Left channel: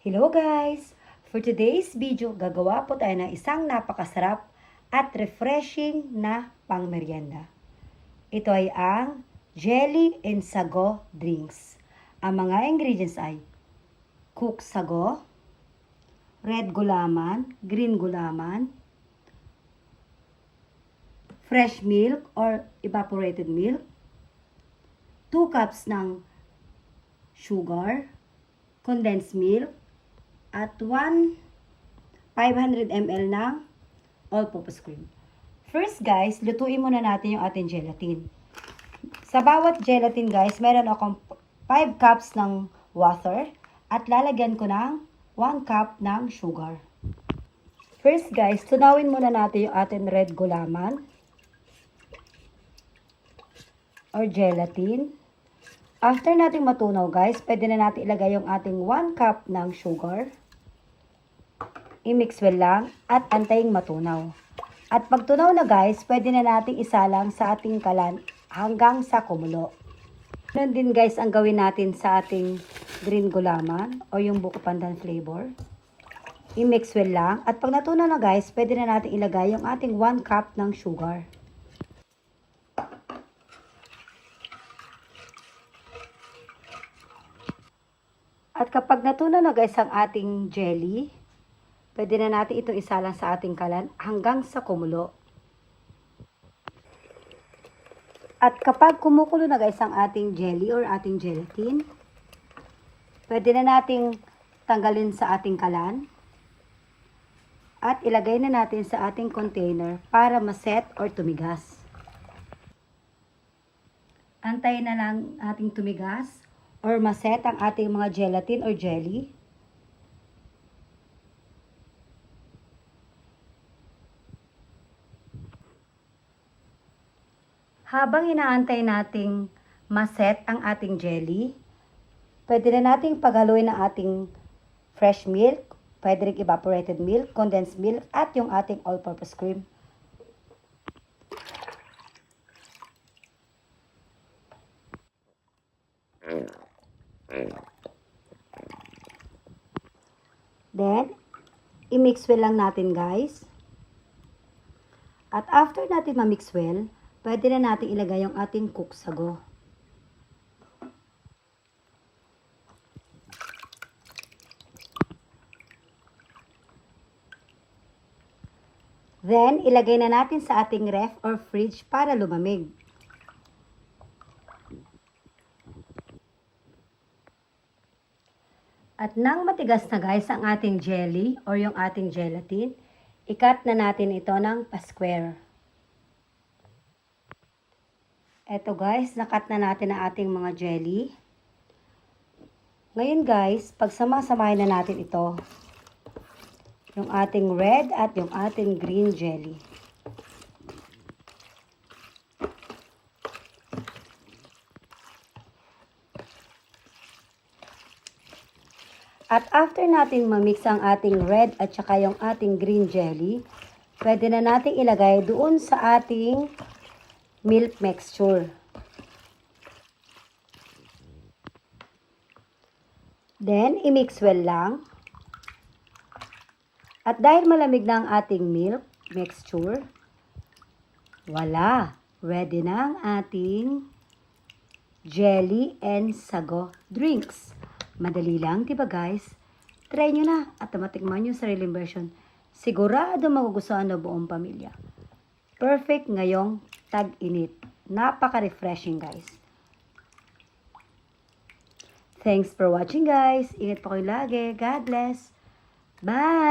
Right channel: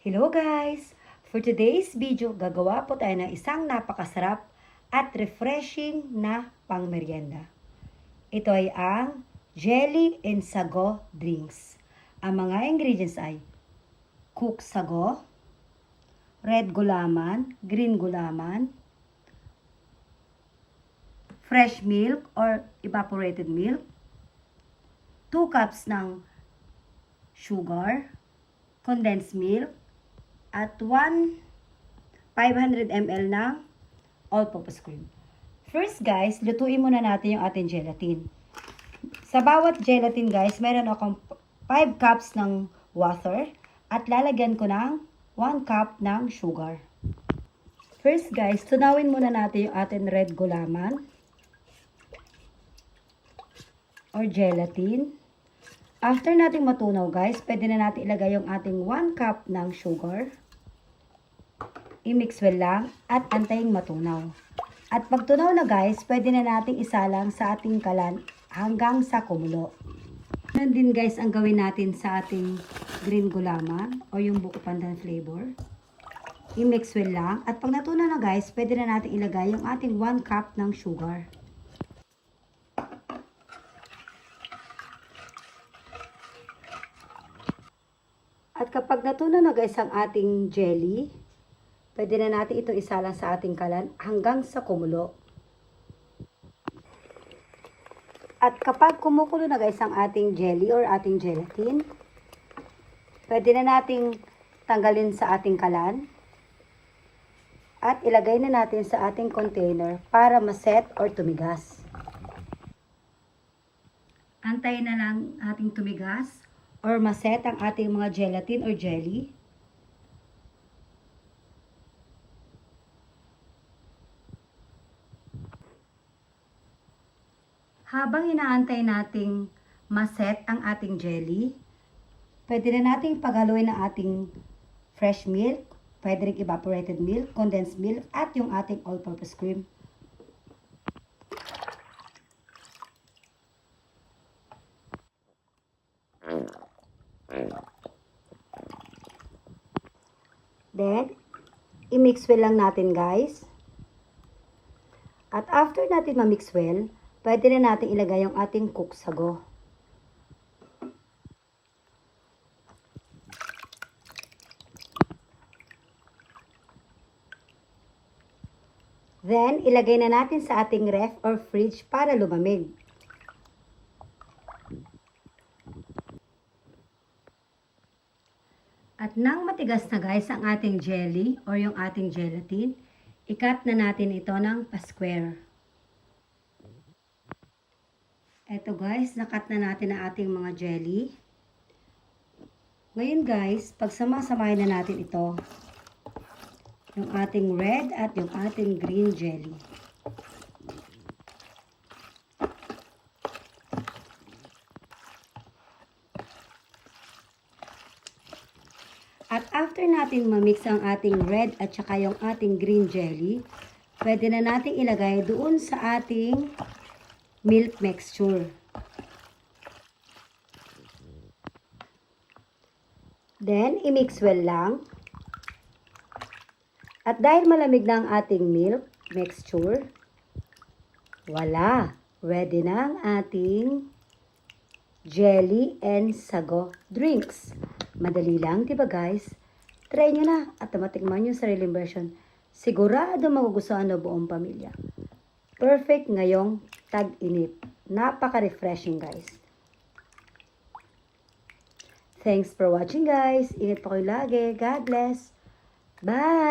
Hello guys! For today's video, gagawa po tayo ng isang napakasarap at refreshing na pangmeryenda. Ito ay ang Jelly and Sago Drinks. Ang mga ingredients ay cooked sago, red gulaman, green gulaman, fresh milk or evaporated milk, 2 cups ng sugar, condensed milk, at 500 ml ng all-purpose cream. First guys, lutuin muna natin yung ating gelatin. Sa bawat gelatin guys, meron akong 5 cups ng water at lalagyan ko ng 1 cup ng sugar. First guys, tunawin muna natin yung ating red gulaman or gelatin. After nating matunaw guys, pwede na natin ilagay yung ating 1 cup ng sugar. I-mix well lang at antayin matunaw. At pag tunaw na guys, pwede na nating isalang sa ating kalan hanggang sa kumulo. Ganun din guys ang gawin natin sa ating green gulaman o yung buko pandan flavor. I-mix well lang at pag natunaw na guys, pwede na nating ilagay yung ating 1 cup ng sugar. At kapag natunaw na guys ang ating jelly, pwede na natin ito isalang sa ating kalan hanggang sa kumulo. At kapag kumukulo na guys ang ating jelly or ating gelatin, pwede na nating tanggalin sa ating kalan at ilagay na natin sa ating container para maset or tumigas. Antayin na lang ating tumigas or maset ang ating mga gelatin or jelly. Habang inaantay nating maset ang ating jelly, pwede na nating paghaluin ang ating fresh milk, pwede rin evaporated milk, condensed milk, at yung ating all-purpose cream. Then, i-mix well lang natin guys. At after natin ma-mix well, pwede na natin ilagay yung ating cooked sago. Then, ilagay na natin sa ating ref or fridge para lumamig. At nang matigas na guys ang ating jelly or yung ating gelatin, i-cut na natin ito ng pa-square. Eto guys, nakat na natin ang ating mga jelly. Ngayon guys, pagsama-samahin na natin ito. Yung ating red at yung ating green jelly. At after natin ma-mix ang ating red at saka yung ating green jelly, pwede na natin ilagay doon sa ating milk mixture. Then, i-mix well lang. At dahil malamig na ang ating milk mixture, wala! Ready na ang ating jelly and sago drinks. Madali lang, diba guys? Try nyo na at matikman yung sariling version. Sigurado magugustuhan ng buong pamilya. Perfect ngayong tag-init. Napaka-refreshing guys. Thanks for watching guys. Ingat po kayo lagi. God bless. Bye!